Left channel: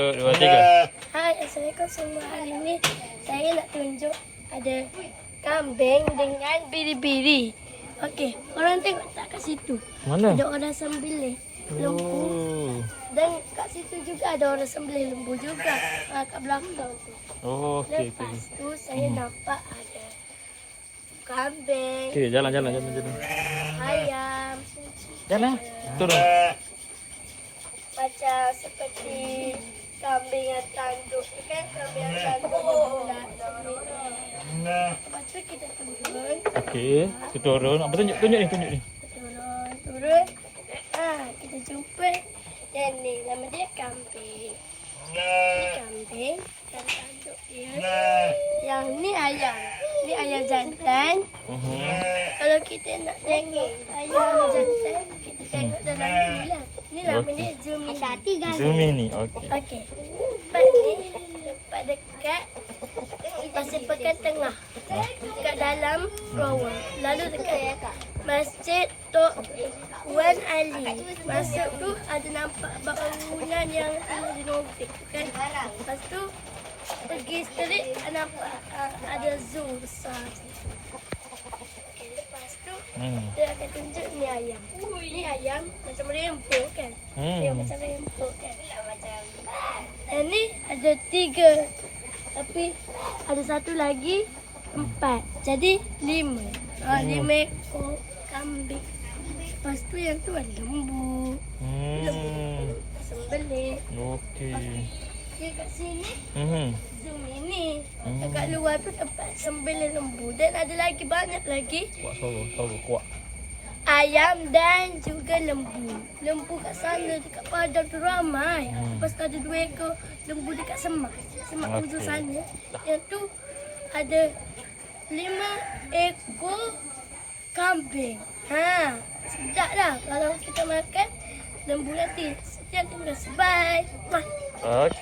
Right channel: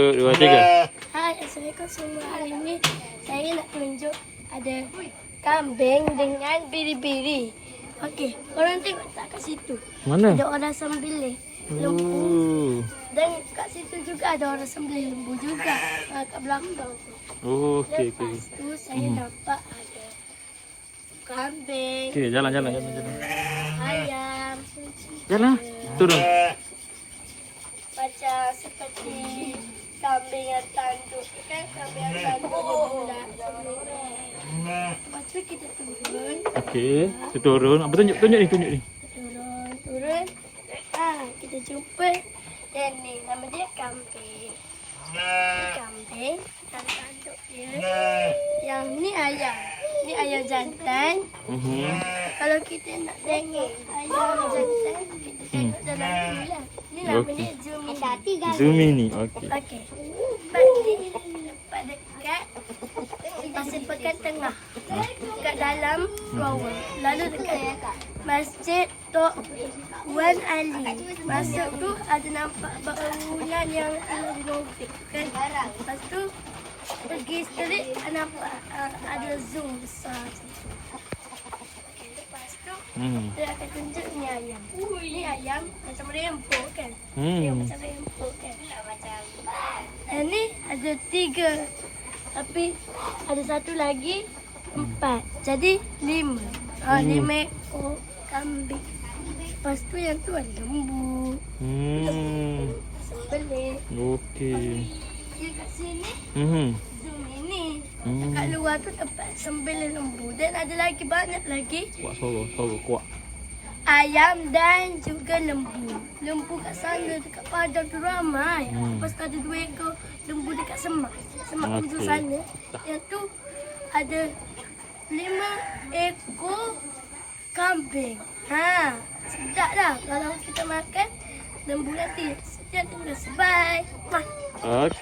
Dua, tiga. Hai, Assalamualaikum semua. Hari ini saya nak tunjuk ada kambing dengan biri-biri. Okey, korang tengok tak kat situ? Mana? Ada orang sembelih lembu. Oh. Dan kat situ juga ada orang sembelih lembu juga. Ha, kat belakang. Oh, okey, okey. Lepas tu saya nampak ada kambing, Okey, jalan, jalan, jalan, jalan. ayam, Jalan. Turun. macam seperti kambing yang tanduk. Kan kambing yang tanduk dia bulat. Lepas tu kita turun. Okey, kita turun. Apa tunjuk, tunjuk ni, tunjuk ni. Turun, turun. Ah, kita jumpa yang ni. Nama dia kambing. Ni kambing. Dan tanduk dia. Yang ni ayam. Ni ayam jantan. Mhm. Kalau kita nak tengok ayam jantan, kita tengok dalam ni lah. Ni nama Okey. dia Zumi. Zoom ini. Okey. Okey. Tempat dekat Pasir Pekan Tengah. Ah. Dekat dalam Rawang. Lalu dekat Masjid Tok Wan Ali. Masuk tu ada nampak bangunan yang tinggal di. Kan? Lepas tu pergi street nampak uh, ada zoo besar. Okay, lepas tu Hmm. dia akan tunjuk ni ayam. Ni ayam macam rainbow kan? Dia Hmm. macam rainbow kan? Ada tiga. Tapi ada satu lagi empat. Jadi lima. Hmm. lima ekor kambing. Lepas tu yang tu ada lembu. Hmm. Belik. Okey. Dia kat sini Mhm. zoom ini. Hmm. Dekat luar tu tempat sembelih lembu. Dan ada lagi banyak lagi Kuat suara, suara kuat. ayam dan juga lembu. Lembu kat sana dekat padang tu ramai. Hmm. Lepas tu ada dua ekor lembu dekat semak. Semak Okey. ujung sana. Yang tu ada lima ekor kambing. Ha, sedap lah kalau kita makan lembu nanti. Sekian terima kasih. Bye. Mah. Okey.